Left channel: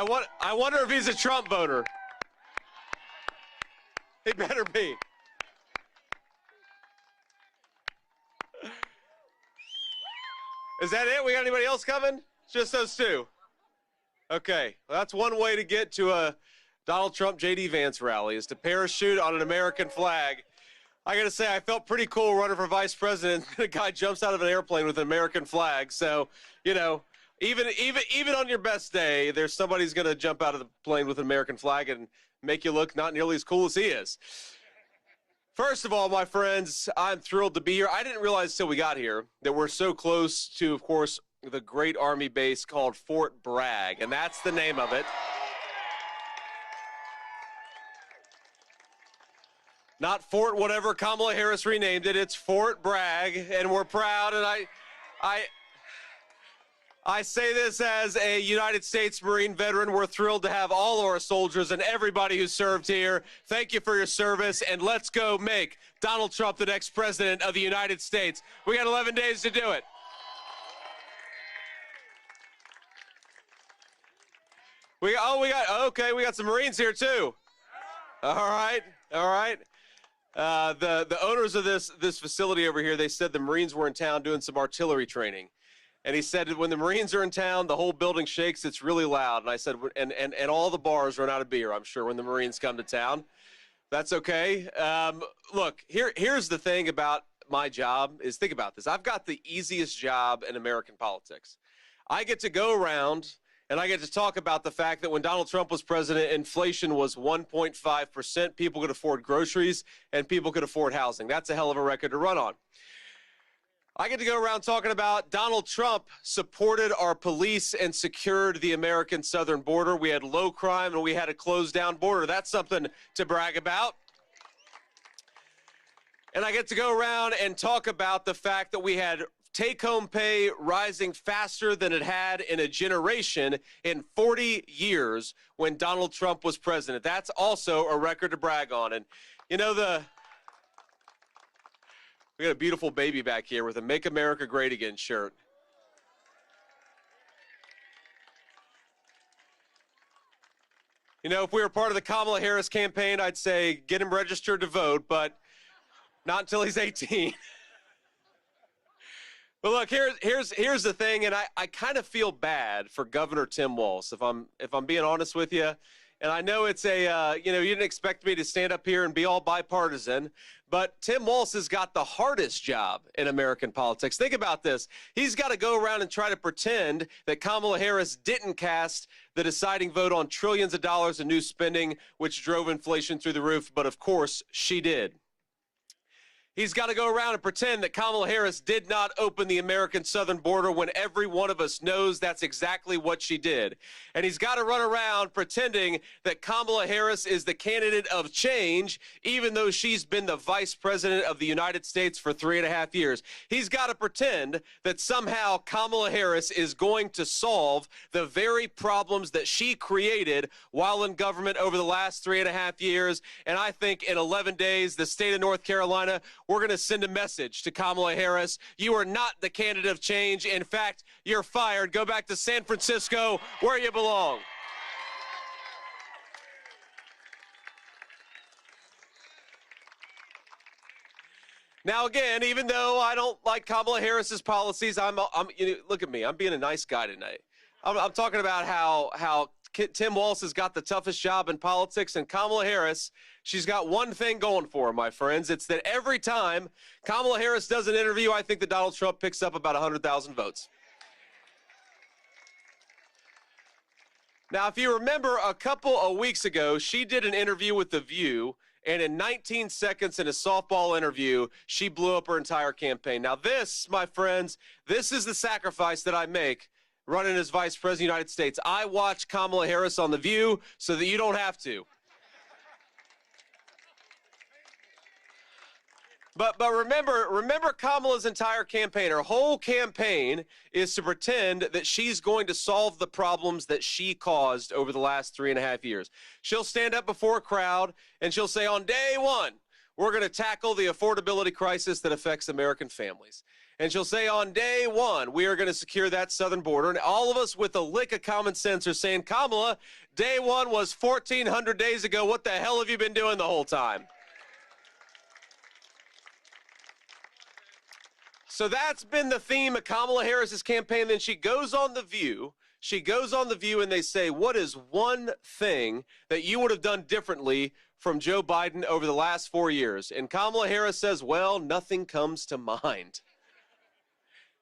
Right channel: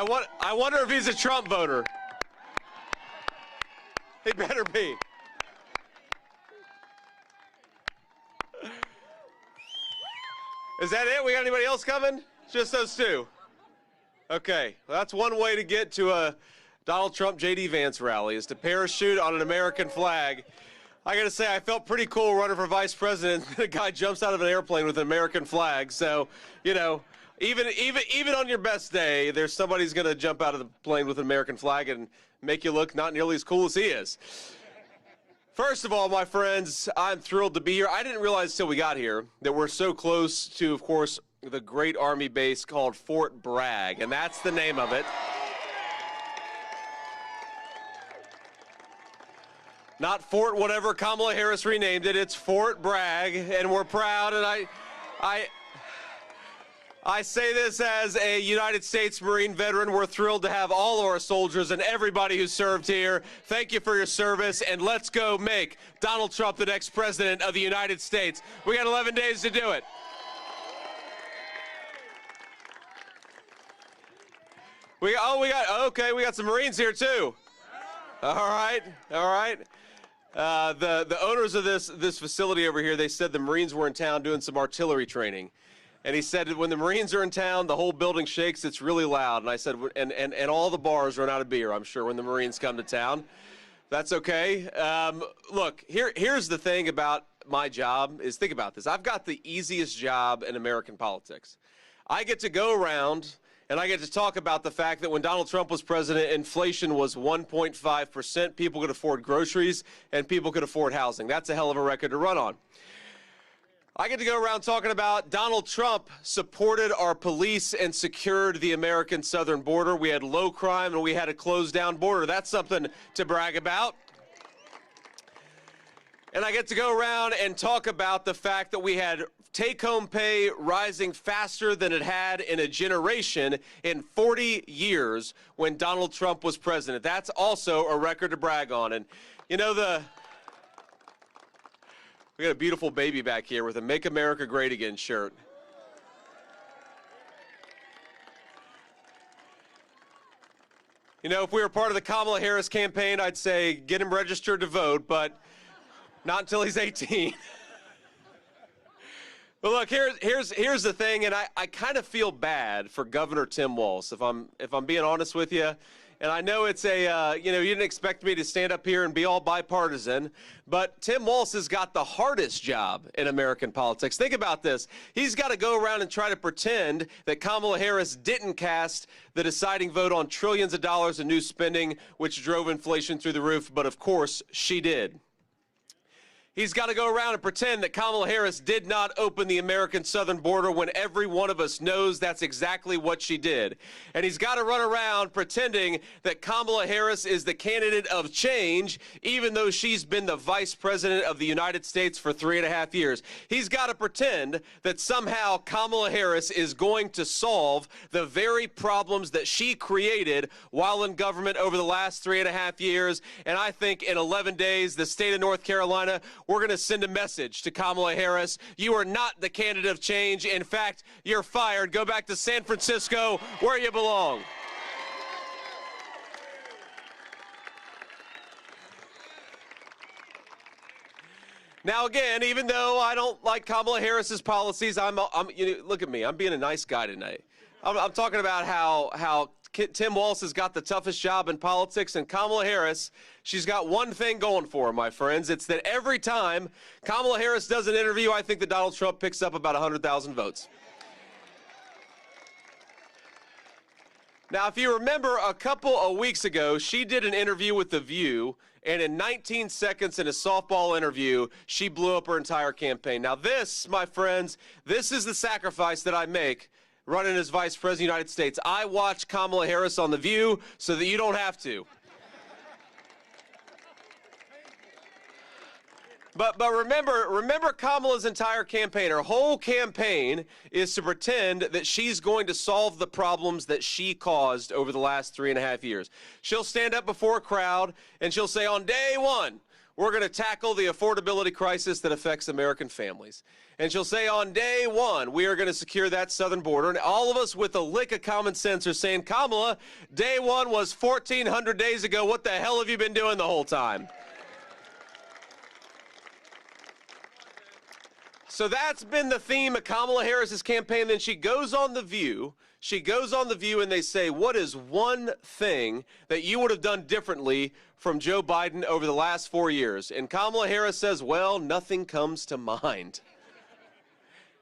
I wonder if he's a Trump voter. He better be. Is that it? We got anybody else coming? Just those two. Okay, well, that's one way to get to a Donald Trump J.D. Vance rally, is to parachute on an American flag. I gotta say, I felt pretty cool running for vice president. The guy jumps out of an airplane with an American flag. So, you know, even on your best day, there's somebody who's gonna jump out of the plane with an American flag and make you look not nearly as cool as he is. First of all, my friends, I'm thrilled to be here. I didn't realize till we got here that we're so close to, of course, the great Army base called Fort Bragg, and that's the name of it. Not Fort whatever Kamala Harris renamed it, it's Fort Bragg, and we're proud, and I say this as a United States Marine veteran. We're thrilled to have all of our soldiers and everybody who served here. Thank you for your service, and let's go make Donald Trump the next president of the United States. We got 11 days to do it. We got some Marines here too. All right. The owners of this facility over here, they said the Marines were in town doing some artillery training. And he said that when the Marines are in town, the whole building shakes, it's really loud. And I said, and all the bars run out of beer, I'm sure, when the Marines come to town. That's okay. Look, here's the thing about my job is, think about this. I've got the easiest job in American politics. I get to go around and I get to talk about the fact that when Donald Trump was president, inflation was 1.5%. People could afford groceries and people could afford housing. That's a hell of a record to run on. I get to go around talking about Donald Trump supported our police and secured the American southern border. We had low crime and we had a closed down border. That's something to brag about. And I get to go around and talk about the fact that we had take-home pay rising faster than it had in a generation in 40 years when Donald Trump was president. That's also a record to brag on. And, you know, we got a beautiful baby back here with a Make America Great Again shirt. You know, if we were part of the Kamala Harris campaign, I'd say get him registered to vote, but not until he's 18. But look, here's the thing, and I kind of feel bad for Governor Tim Walz, if I'm being honest with you. And I know it's you didn't expect me to stand up here and be all bipartisan, but Tim Walz has got the hardest job in American politics. Think about this. He's got to go around and try to pretend that Kamala Harris didn't cast the deciding vote on trillions of dollars in new spending, which drove inflation through the roof, but of course she did. He's got to go around and pretend that Kamala Harris did not open the American southern border when every one of us knows that's exactly what she did. And he's got to run around pretending that Kamala Harris is the candidate of change, even though she's been the vice president of the United States for 3.5 years. He's got to pretend that somehow Kamala Harris is going to solve the very problems that she created while in government over the last 3.5 years. And I think in 11 days, the state of North Carolina, we're going to send a message to Kamala Harris. You are not the candidate of change. In fact, you're fired. Go back to San Francisco where you belong. Now, again, even though I don't like Kamala Harris's policies, look at me. I'm being a nice guy tonight. I'm talking about how Tim Walz has got the toughest job in politics, and Kamala Harris, she's got one thing going for her, my friends. It's that every time Kamala Harris does an interview, I think that Donald Trump picks up about 100,000 votes. Now, if you remember, a couple of weeks ago, she did an interview with The View, and in 19 seconds in a softball interview, she blew up her entire campaign. Now this, my friends, this is the sacrifice that I make running as vice president of the United States. I watch Kamala Harris on The View so that you don't have to. But remember Kamala's entire campaign. Her whole campaign is to pretend that she's going to solve the problems that she caused over the last 3.5 years. She'll stand up before a crowd and she'll say, on day one, we're going to tackle the affordability crisis that affects American families. And she'll say on day one, we are going to secure that southern border. And all of us with a lick of common sense are saying, Kamala, day one was 1,400 days ago. What the hell have you been doing the whole time? So that's been the theme of Kamala Harris's campaign. Then she goes on The View. She goes on The View and they say, what is one thing that you would have done differently from Joe Biden over the last 4 years? And Kamala Harris says, well, nothing comes to mind.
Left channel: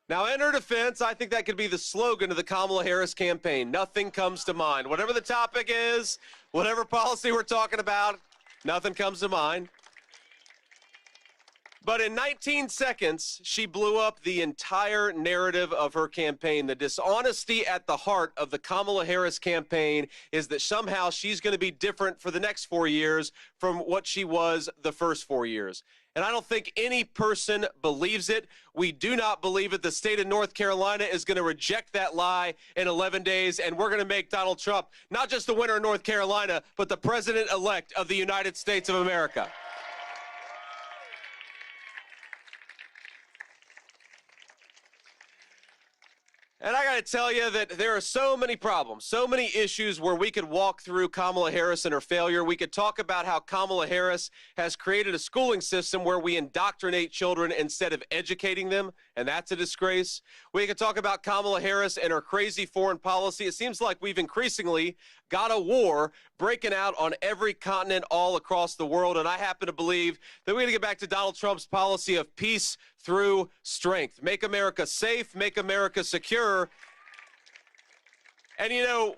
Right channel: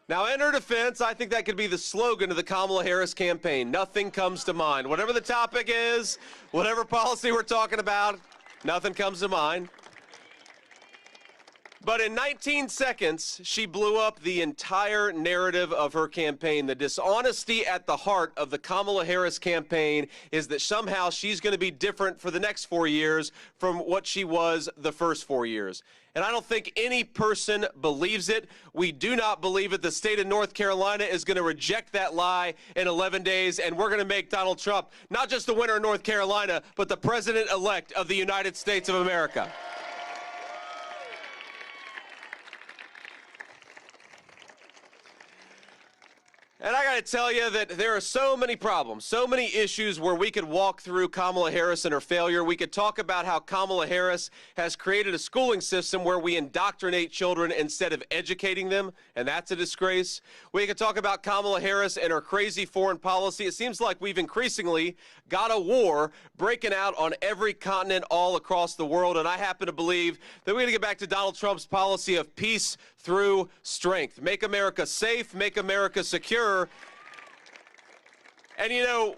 Now, in her defense, I think that could be the slogan of the Kamala Harris campaign. Nothing comes to mind. Whatever the topic is, whatever policy we're talking about, nothing comes to mind. But in 19 seconds, she blew up the entire narrative of her campaign. The dishonesty at the heart of the Kamala Harris campaign is that somehow she's going to be different for the next 4 years from what she was the first 4 years. And I don't think any person believes it. We do not believe it. The state of North Carolina is going to reject that lie in 11 days, and we're going to make Donald Trump not just the winner of North Carolina, but the president-elect of the United States of America. And I got to tell you that there are so many problems, so many issues where we could walk through Kamala Harris and her failure. We could talk about how Kamala Harris has created a schooling system where we indoctrinate children instead of educating them, and that's a disgrace. We could talk about Kamala Harris and her crazy foreign policy. It seems like we've increasingly got a war breaking out on every continent all across the world, and I happen to believe that we're going to get back to Donald Trump's policy of peace through strength. Make America safe, make America secure. And you know,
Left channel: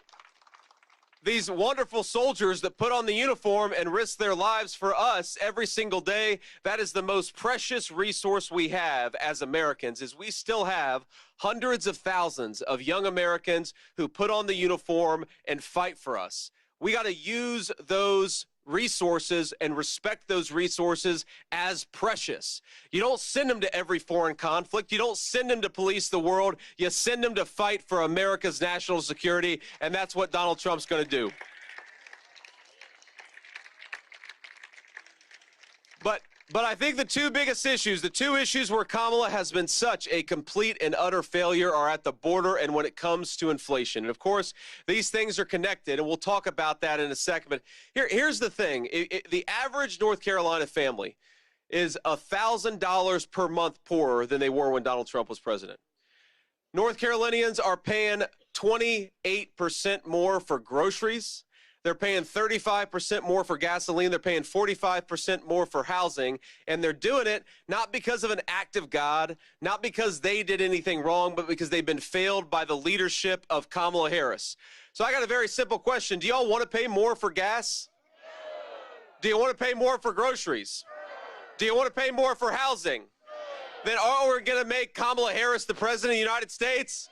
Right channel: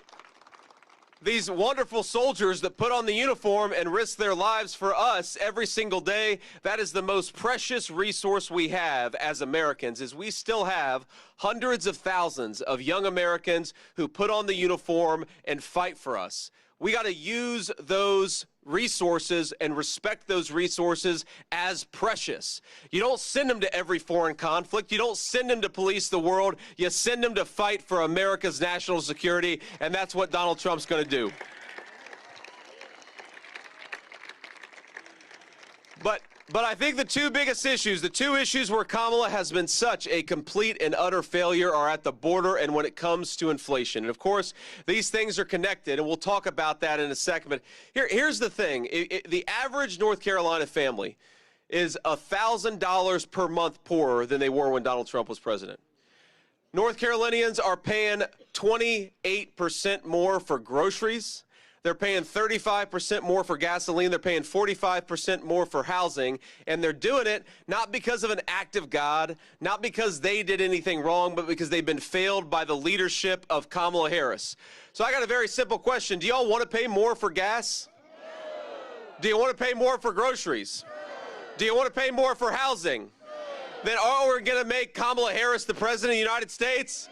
these wonderful soldiers that put on the uniform and risk their lives for us every single day, that is the most precious resource we have as Americans, is we still have hundreds of thousands of young Americans who put on the uniform and fight for us. We got to use those resources and respect those resources as precious. You don't send them to every foreign conflict. You don't send them to police the world. You send them to fight for America's national security, and that's what Donald Trump's going to do. But I think the two biggest issues, the two issues where Kamala has been such a complete and utter failure are at the border and when it comes to inflation. And of course, these things are connected, and we'll talk about that in a second. But here's the thing. The average North Carolina family is $1,000 per month poorer than they were when Donald Trump was president. North Carolinians are paying 28% more for groceries. They're paying 35% more for gasoline. They're paying 45% more for housing. And they're doing it not because of an act of God, not because they did anything wrong, but because they've been failed by the leadership of Kamala Harris. So I got a very simple question. Do y'all want to pay more for gas? Do you want to pay more for groceries? Do you want to pay more for housing? Then are we going to make Kamala Harris the president of the United States?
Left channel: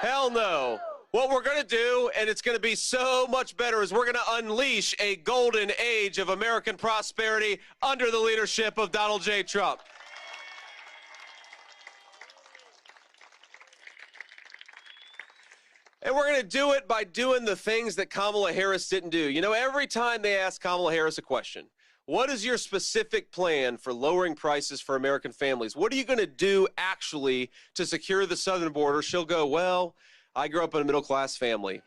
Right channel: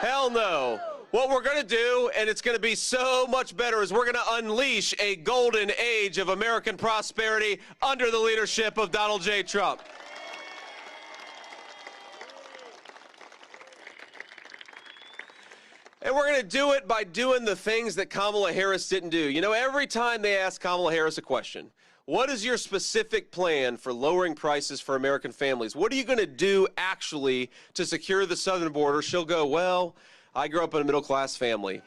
Hell no. What we're going to do, and it's going to be so much better, is we're going to unleash a golden age of American prosperity under the leadership of Donald J. Trump. And we're going to do it by doing the things that Kamala Harris didn't do. You know, every time they ask Kamala Harris a question, what is your specific plan for lowering prices for American families? What are you going to do actually to secure the southern border? She'll go, well, I grew up in a middle-class family.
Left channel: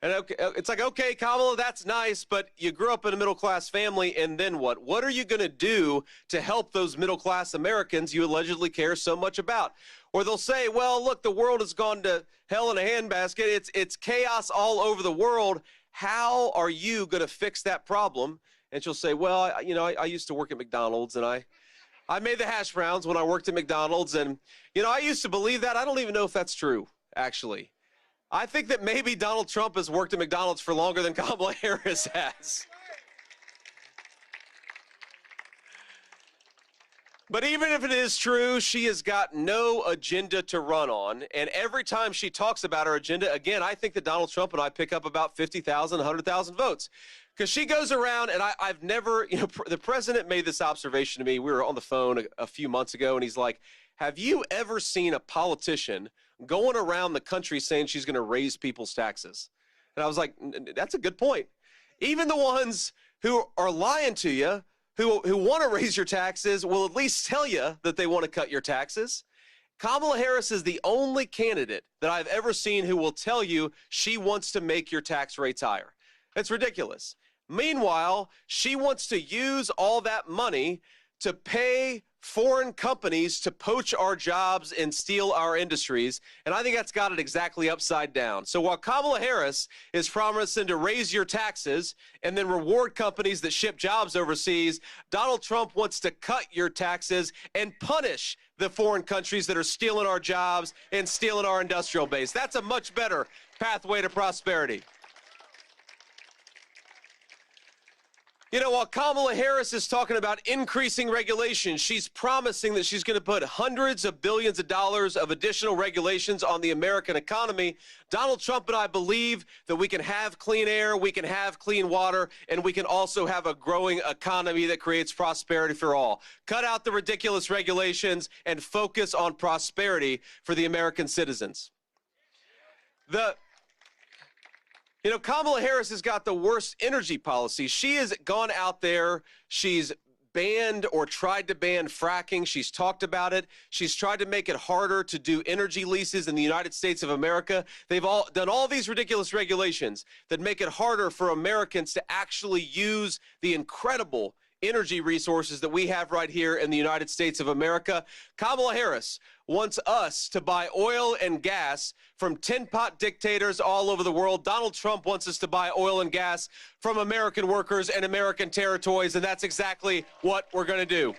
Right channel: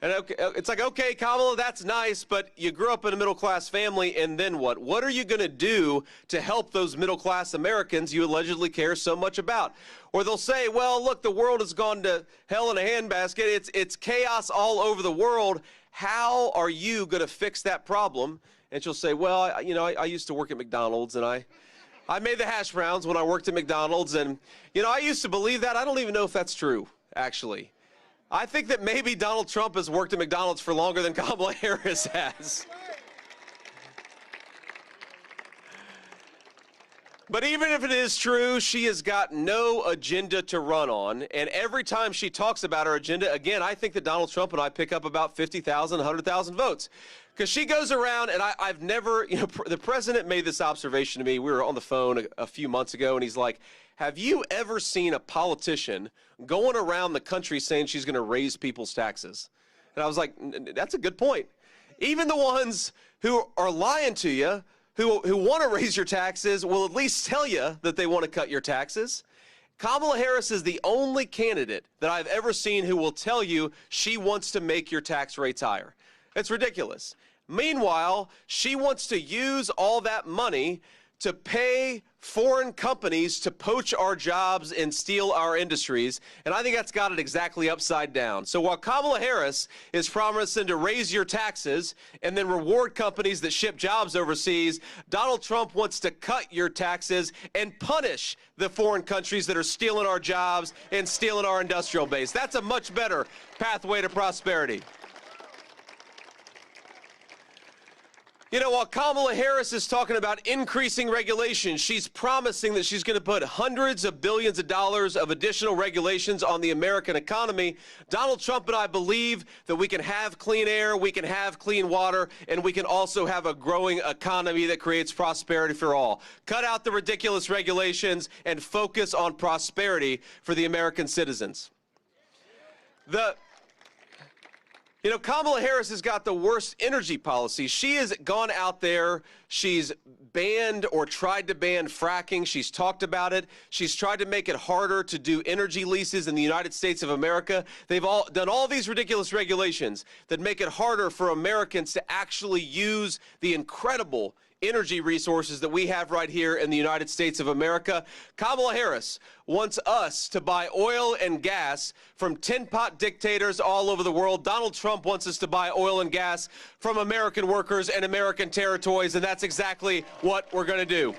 And it's like, okay, Kamala, that's nice, but you grew up in a middle-class family, and then what? What are you going to do to help those middle-class Americans you allegedly care so much about? Or they'll say, well, look, the world has gone to hell in a handbasket. It's chaos all over the world. How are you going to fix that problem? And she'll say, well, I used to work at McDonald's, and I made the hash browns when I worked at McDonald's, and, I used to believe that. I don't even know if that's true, actually. I think that maybe Donald Trump has worked at McDonald's for longer than Kamala Harris has. But even if it is true, she has got no agenda to run on, and every time she talks about her agenda, again, I think that Donald Trump and I pick up about 50,000, 100,000 votes. Because she goes around, and I've never, the president made this observation to me. We were on the phone a few months ago, and he's like, have you ever seen a politician going around the country saying she's going to raise people's taxes? And I was like, that's a good point. Even the ones who are lying to you, who want to raise your taxes, will at least tell you that they want to cut your taxes. Kamala Harris is the only candidate that I've ever seen who will tell you she wants to make your tax rates higher. It's ridiculous. Meanwhile, she wants to use all that money to pay foreign companies to poach our jobs and steal our industries, and I think that's got it exactly upside down. So while Kamala Harris is promising to raise your taxes and then reward companies that ship jobs overseas, Donald Trump wants to cut your taxes and punish the foreign countries that are stealing our jobs and stealing our industrial base. That's a much better pathway to prosperity. You know, while Kamala Harris is talking about increasing regulation, she's promising that she's going to put hundreds of billions of dollars of additional regulations on the American economy. Donald Trump and I believe that we can have clean air, we can have clean water, and we can also have a growing economy that creates prosperity for all. Cut out the ridiculous regulations and focus on prosperity for the American citizens. You know, Kamala Harris has got the worst energy policy. She has gone out there, she's banned or tried to ban fracking. She's talked about it. She's tried to make it harder to do energy leases in the United States of America. They've all done all these ridiculous regulations that make it harder for Americans to actually use the incredible energy resources that we have right here in the United States of America. Kamala Harris wants us to buy oil and gas from tin-pot dictators all over the world. Donald Trump wants us to buy oil and gas from American workers and American territories, and that's exactly what we're going to do.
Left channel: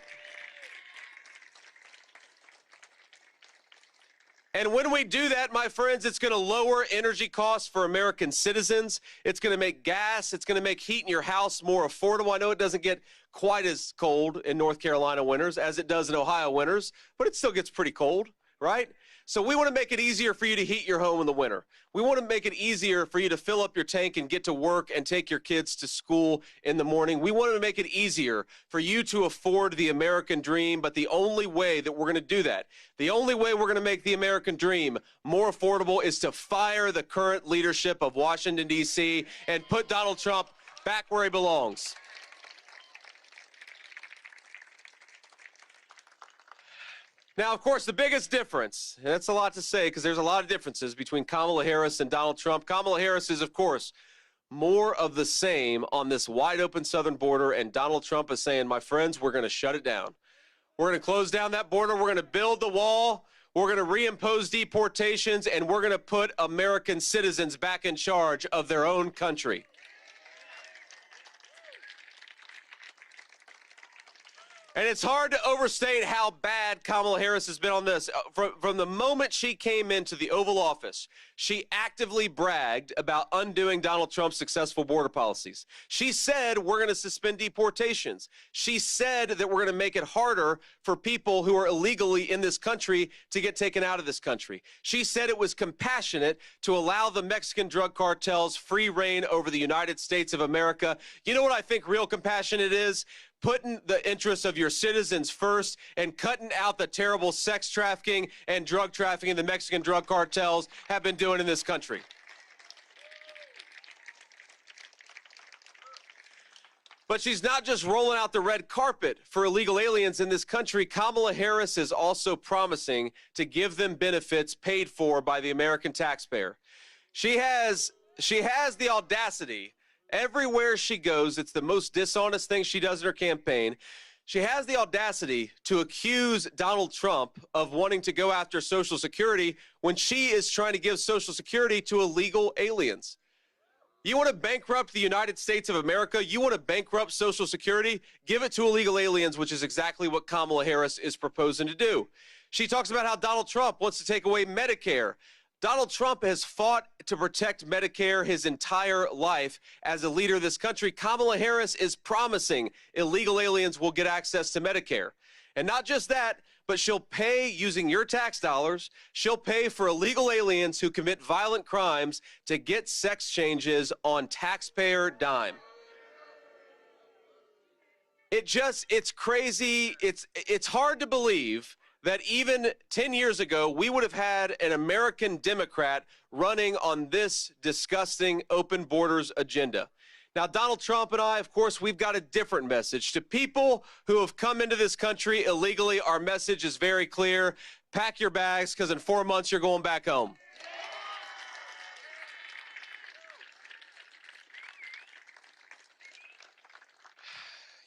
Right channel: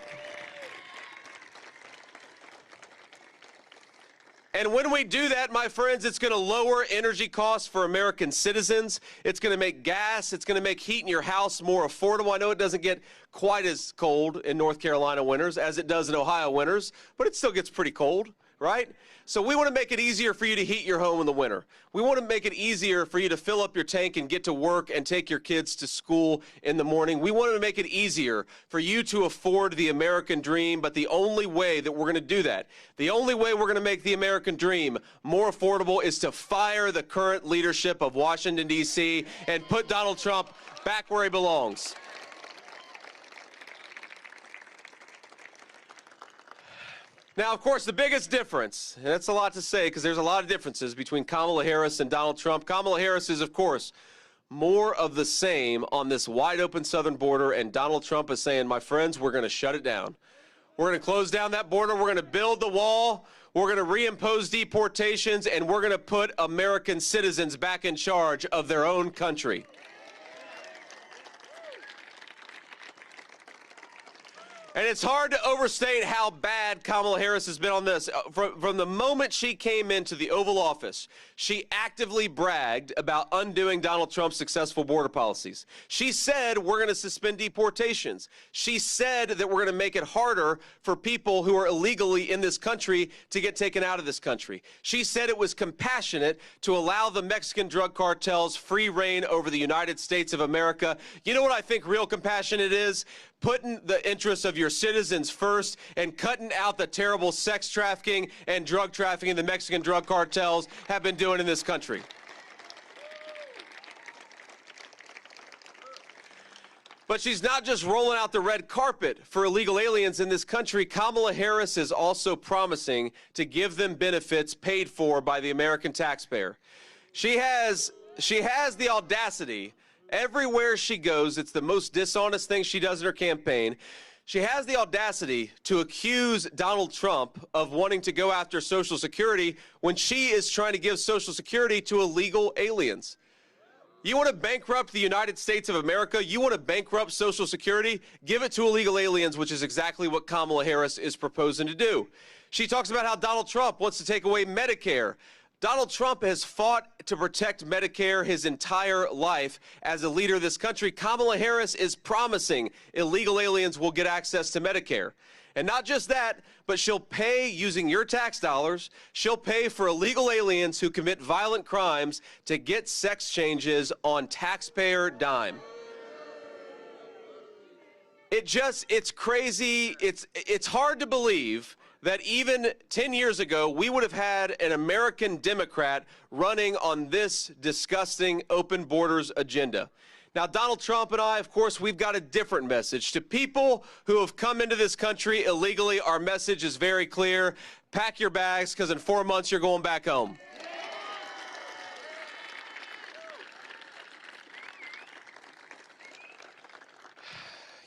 And when we do that, my friends, it's going to lower energy costs for American citizens. It's going to make gas, it's going to make heat in your house more affordable. I know it doesn't get quite as cold in North Carolina winters as it does in Ohio winters, but it still gets pretty cold, right? So we want to make it easier for you to heat your home in the winter. We want to make it easier for you to fill up your tank and get to work and take your kids to school in the morning. We want to make it easier for you to afford the American dream, but the only way that we're going to do that, the only way we're going to make the American dream more affordable is to fire the current leadership of Washington, D.C. and put Donald Trump back where he belongs. Now, of course, the biggest difference, and that's a lot to say because there's a lot of differences between Kamala Harris and Donald Trump. Kamala Harris is, of course, more of the same on this wide-open southern border, and Donald Trump is saying, my friends, we're going to shut it down. We're going to close down that border. We're going to build the wall. We're going to reimpose deportations, and we're going to put American citizens back in charge of their own country. And it's hard to overstate how bad Kamala Harris has been on this. From the moment she came into the Oval Office, she actively bragged about undoing Donald Trump's successful border policies. She said, we're going to suspend deportations. She said that we're going to make it harder for people who are illegally in this country to get taken out of this country. She said it was compassionate to allow the Mexican drug cartels free reign over the United States of America. You know what I think real compassionate is? Putting the interests of your citizens first and cutting out the terrible sex trafficking and drug trafficking the Mexican drug cartels have been doing in this country. But she's not just rolling out the red carpet for illegal aliens in this country. Kamala Harris is also promising to give them benefits paid for by the American taxpayer. She has the audacity. Everywhere she goes, it's the most dishonest thing she does in her campaign. She has the audacity to accuse Donald Trump of wanting to go after Social Security when she is trying to give Social Security to illegal aliens. You want to bankrupt the United States of America? You want to bankrupt Social Security? Give it to illegal aliens, which is exactly what Kamala Harris is proposing to do. She talks about how Donald Trump wants to take away Medicare. Donald Trump has fought to protect Medicare his entire life as a leader of this country. Kamala Harris is promising illegal aliens will get access to Medicare. And not just that, but she'll pay using your tax dollars. She'll pay for illegal aliens who commit violent crimes to get sex changes on taxpayer dime. It's crazy. It's hard to believe that even 10 years ago, we would have had an American Democrat running on this disgusting open borders agenda. Now, Donald Trump and I, of course, we've got a different message. To people who have come into this country illegally, our message is very clear. Pack your bags, because in 4 months, you're going back home.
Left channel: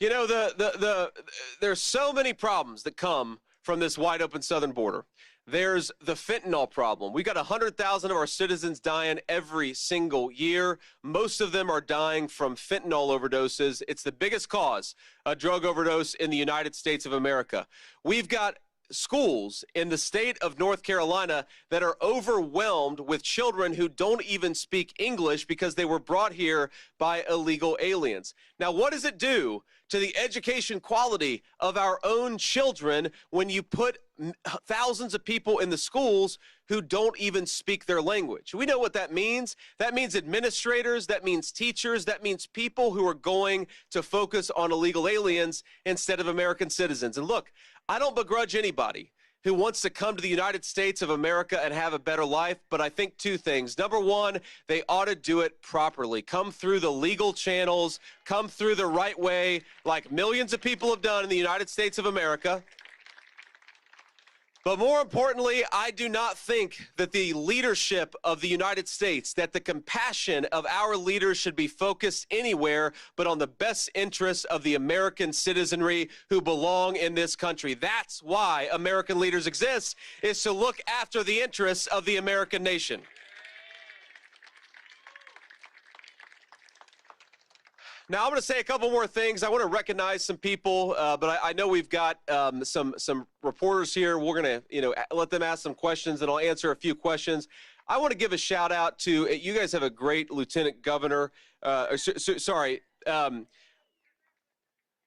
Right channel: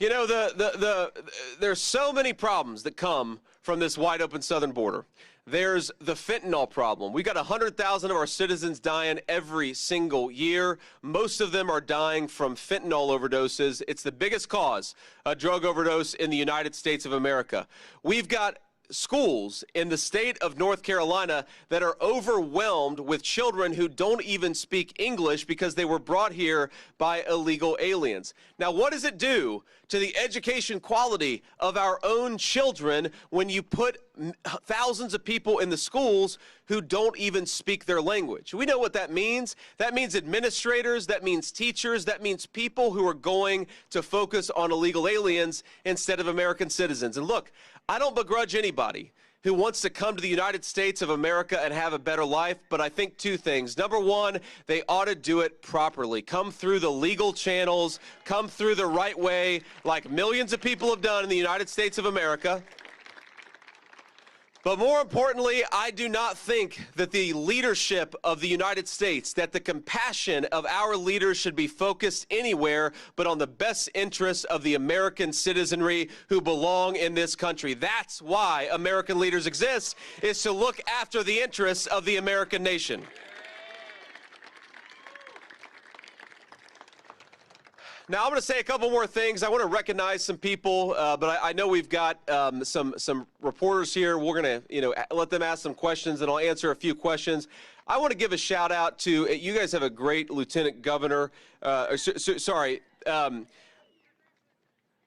You know, there's so many problems that come from this wide open southern border. There's the fentanyl problem. We got 100,000 of our citizens dying every single year. Most of them are dying from fentanyl overdoses. It's the biggest cause of drug overdose in the United States of America. We've got schools in the state of North Carolina that are overwhelmed with children who don't even speak English because they were brought here by illegal aliens. Now, what does it do to the education quality of our own children when you put thousands of people in the schools who don't even speak their language? We know what that means. That means administrators, that means teachers, that means people who are going to focus on illegal aliens instead of American citizens. And look, I don't begrudge anybody who wants to come to the United States of America and have a better life, but I think two things. Number one, they ought to do it properly. Come through the legal channels, come through the right way, like millions of people have done in the United States of America. But more importantly, I do not think that the leadership of the United States, that the compassion of our leaders should be focused anywhere but on the best interests of the American citizenry who belong in this country. That's why American leaders exist, is to look after the interests of the American nation. Now, I'm going to say a couple more things. I want to recognize some people, but I know we've got some reporters here. We're going to, let them ask some questions, and I'll answer a few questions. I want to give a shout out to you guys. Have a great lieutenant governor.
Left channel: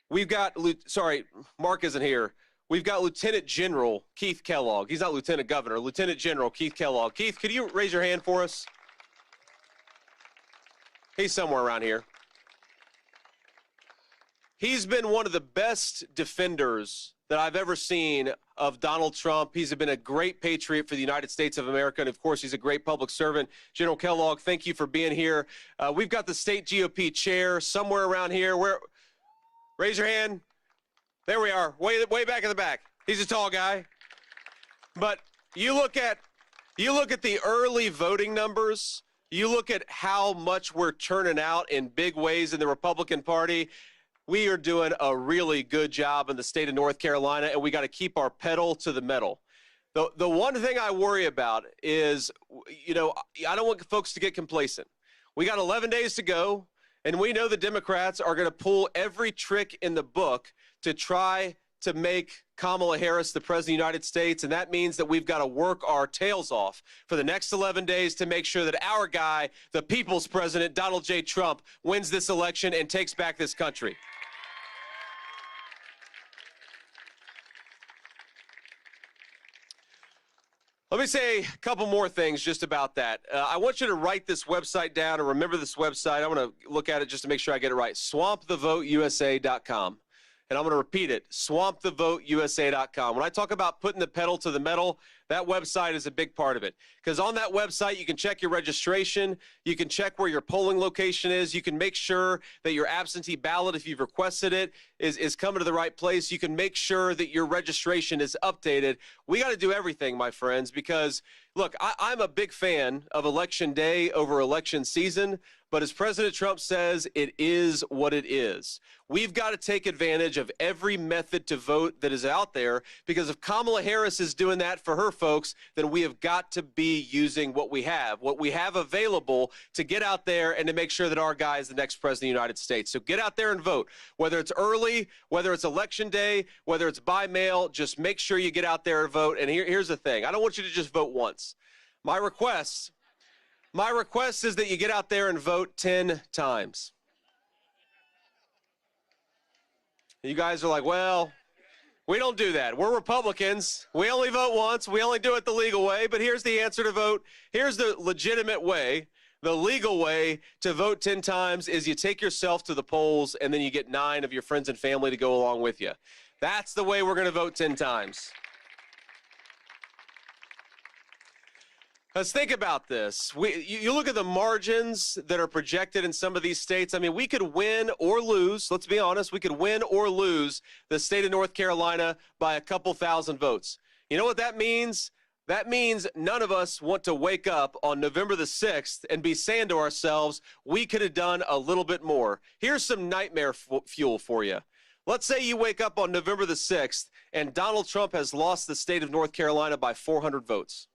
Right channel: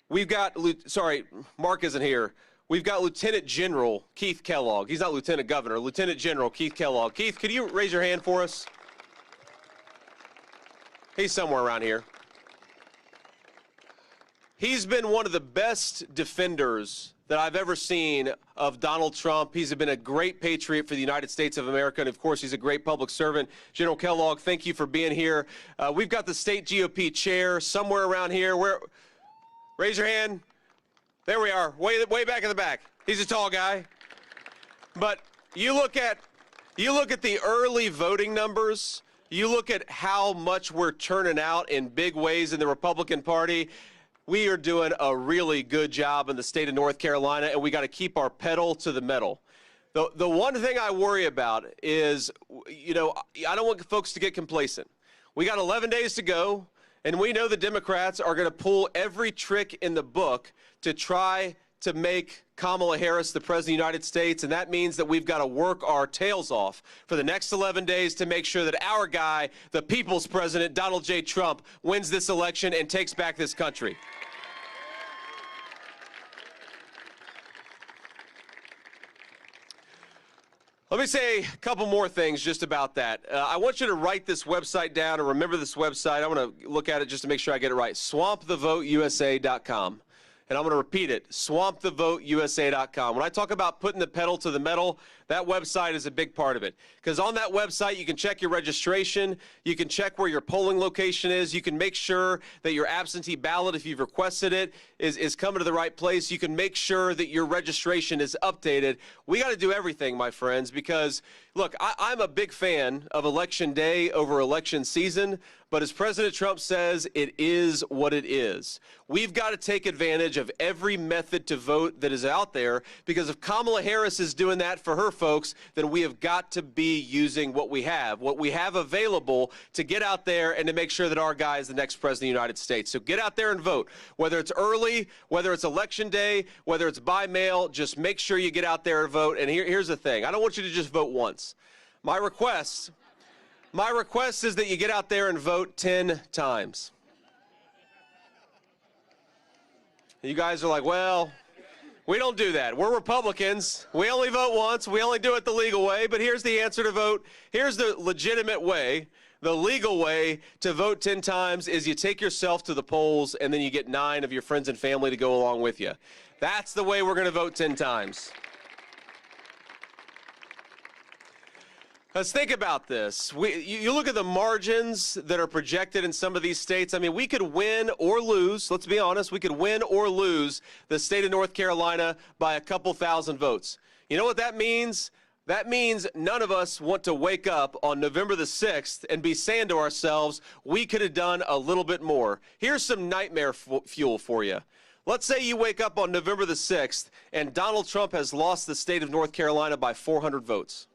We've got. Sorry, Mark isn't here. We've got Lieutenant General Keith Kellogg. He's not Lieutenant Governor. Lieutenant General Keith Kellogg. Keith, could you raise your hand for us? He's somewhere around here. He's been one of the best defenders that I've ever seen of Donald Trump. He's been a great patriot for the United States of America, and of course, he's a great public servant. General Kellogg, thank you for being here. We've got the state GOP chair somewhere around here. Raise your hand. There we are, way back in the back. He's a tall guy. But you look at the early voting numbers. You look at how much we're turning out in big ways in the Republican Party. We are doing a really good job in the state of North Carolina, and we got to keep our pedal to the metal. The one thing I worry about is, I don't want folks to get complacent. We got 11 days to go, and we know the Democrats are going to pull every trick in the book to try to make Kamala Harris the President of the United States, and that means that we've got to work our tails off for the next 11 days to make sure that our guy, the people's president, Donald J. Trump, wins this election and takes back this country. Let me say a couple more things just about that. I want you to write this website down and remember this website. I want to look at it just to make sure I get it right. swampthevoteusa.com. And I'm going to repeat it, swampthevoteusa.com. When I talk about putting the pedal to the metal, that website is a big part of it. Because on that website, you can check your registration, you can check where your polling location is, you can make sure that your absentee ballot, if you've requested it, is coming to the right place. You can make sure that your registration is updated. We got to do everything, my friends, because, look, I'm a big fan of Election Day over election season. But as President Trump says, it is what it is. We've got to take advantage of every method to vote that is out there, because if Kamala Harris is doing that for her folks, then we have got to be using what we have available to get out there and to make sure that our guy is the next president of the United States. So get out there and vote. Whether it's early, whether it's election day, whether it's by mail, just make sure you get out there and vote. And here's the thing. I don't want you to just vote once. My request is that you get out there and vote 10 times. You guys are like, well, we don't do that. We're Republicans. We only vote once. We only do it the legal way. But here's the answer to vote. Here's the legitimate way. The legal way to vote 10 times is you take yourself to the polls and then you get 9 of your friends and family to go along with you. That's the way we're going to vote 10 times. Let's think about this. You look at the margins that are projected in some of these states. I mean, we could win or lose. Let's be honest. We could win or lose the state of North Carolina by a couple thousand votes. You know what that means? That means none of us want to wake up on November the 6th and be saying to ourselves, we could have done a little bit more. Here's some nightmare fuel for you. Let's say you wake up on November the 6th and Donald Trump has lost the state of North Carolina by 400 votes.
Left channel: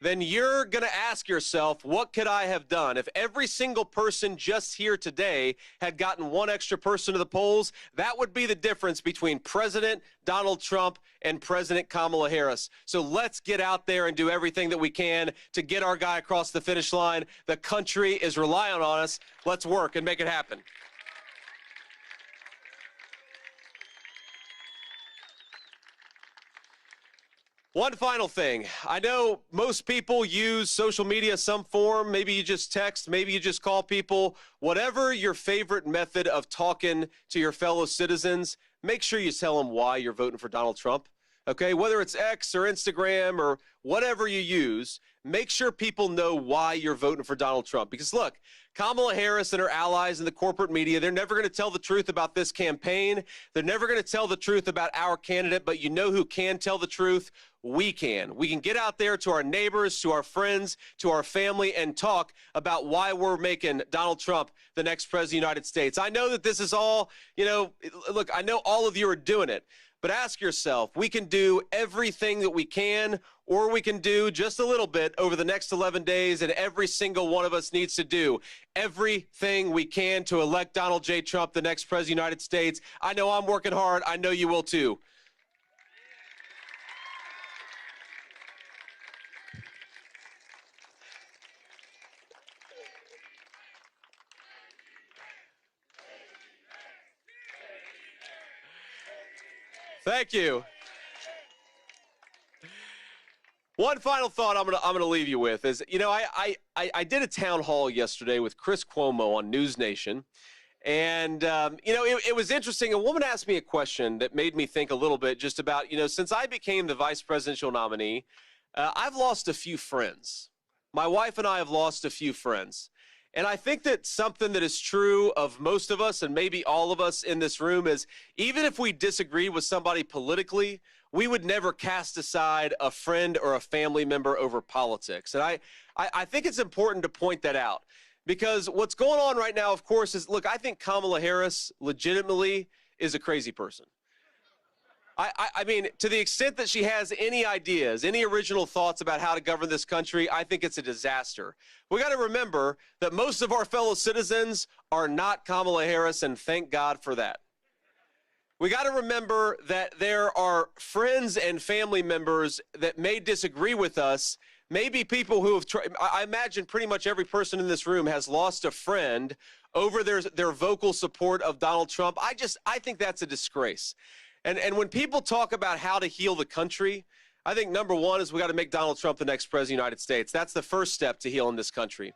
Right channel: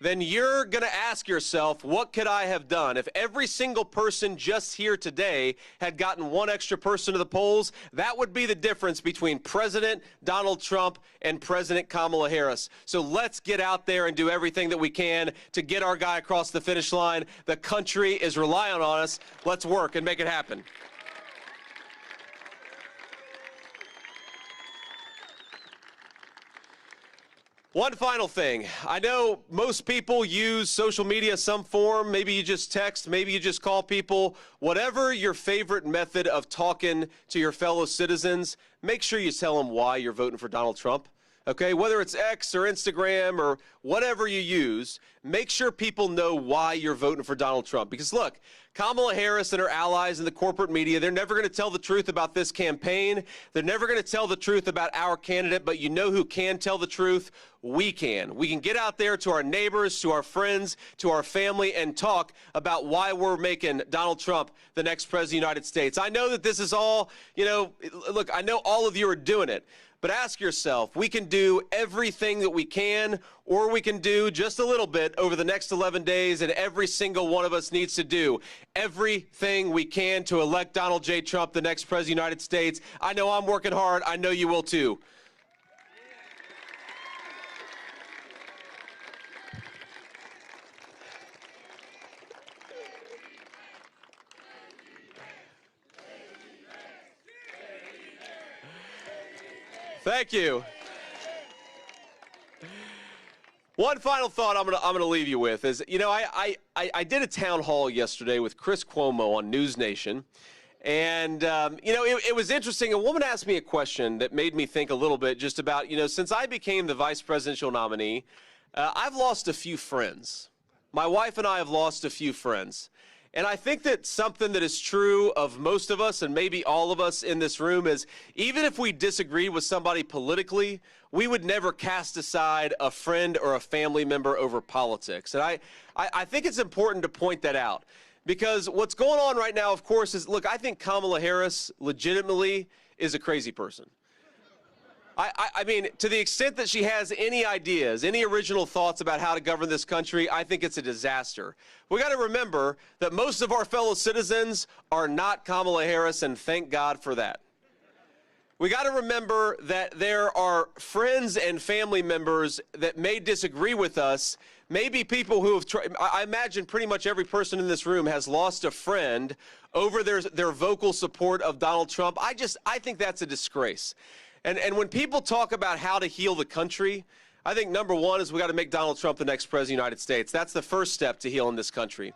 Then you're going to ask yourself, what could I have done? If every single person just here today had gotten one extra person to the polls, that would be the difference between President Donald Trump and President Kamala Harris. So let's get out there and do everything that we can to get our guy across the finish line. The country is relying on us. Let's work and make it happen. One final thing. I know most people use social media some form. Maybe you just text, maybe you just call people. Whatever your favorite method of talking to your fellow citizens, make sure you tell them why you're voting for Donald Trump. Okay, whether it's X or Instagram or whatever you use, make sure people know why you're voting for Donald Trump. Because look, Kamala Harris and her allies in the corporate media, they're never going to tell the truth about this campaign. They're never going to tell the truth about our candidate, but you know who can tell the truth? We can. We can get out there to our neighbors, to our friends, to our family, and talk about why we're making Donald Trump the next president of the United States. I know that this is all, look, I know all of you are doing it. But ask yourself, we can do everything that we can, or we can do just a little bit over the next 11 days, and every single one of us needs to do everything we can to elect Donald J. Trump the next president of the United States. I know I'm working hard. I know you will too. Thank you. One final thought I'm gonna leave you with is, I did a town hall yesterday with Chris Cuomo on News Nation, and it was interesting. A woman asked me a question that made me think a little bit just about, since I became the vice presidential nominee, I've lost a few friends. My wife and I have lost a few friends. And I think that something that is true of most of us, and maybe all of us in this room, is even if we disagree with somebody politically, we would never cast aside a friend or a family member over politics. And I think it's important to point that out, because what's going on right now, of course, is, look, I think Kamala Harris legitimately is a crazy person. I mean, to the extent that she has any ideas, any original thoughts about how to govern this country, I think it's a disaster. We got to remember that most of our fellow citizens are not Kamala Harris, and thank God for that. We got to remember that there are friends and family members that may disagree with us. Maybe people who have tried, I imagine pretty much every person in this room has lost a friend over their vocal support of Donald Trump. I think that's a disgrace. And when people talk about how to heal the country, I think number one is we got to make Donald Trump the next president of the United States. That's the first step to healing this country.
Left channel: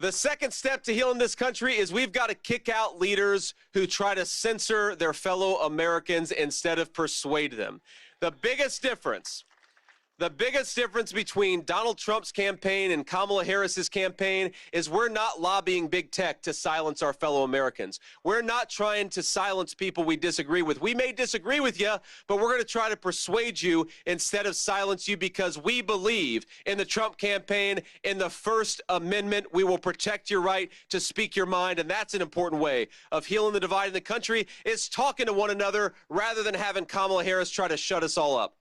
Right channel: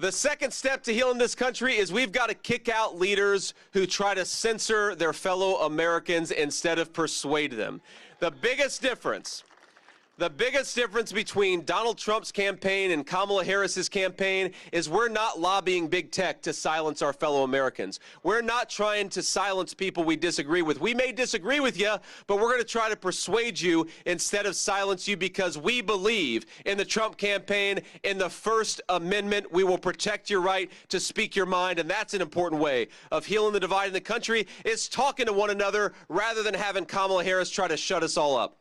The second step to healing this country is we've got to kick out leaders who try to censor their fellow Americans instead of persuade them. The biggest difference between Donald Trump's campaign and Kamala Harris's campaign is we're not lobbying big tech to silence our fellow Americans. We're not trying to silence people we disagree with. We may disagree with you, but we're going to try to persuade you instead of silence you, because we believe in the Trump campaign, in the First Amendment. We will protect your right to speak your mind, and that's an important way of healing the divide in the country, is talking to one another rather than having Kamala Harris try to shut us all up.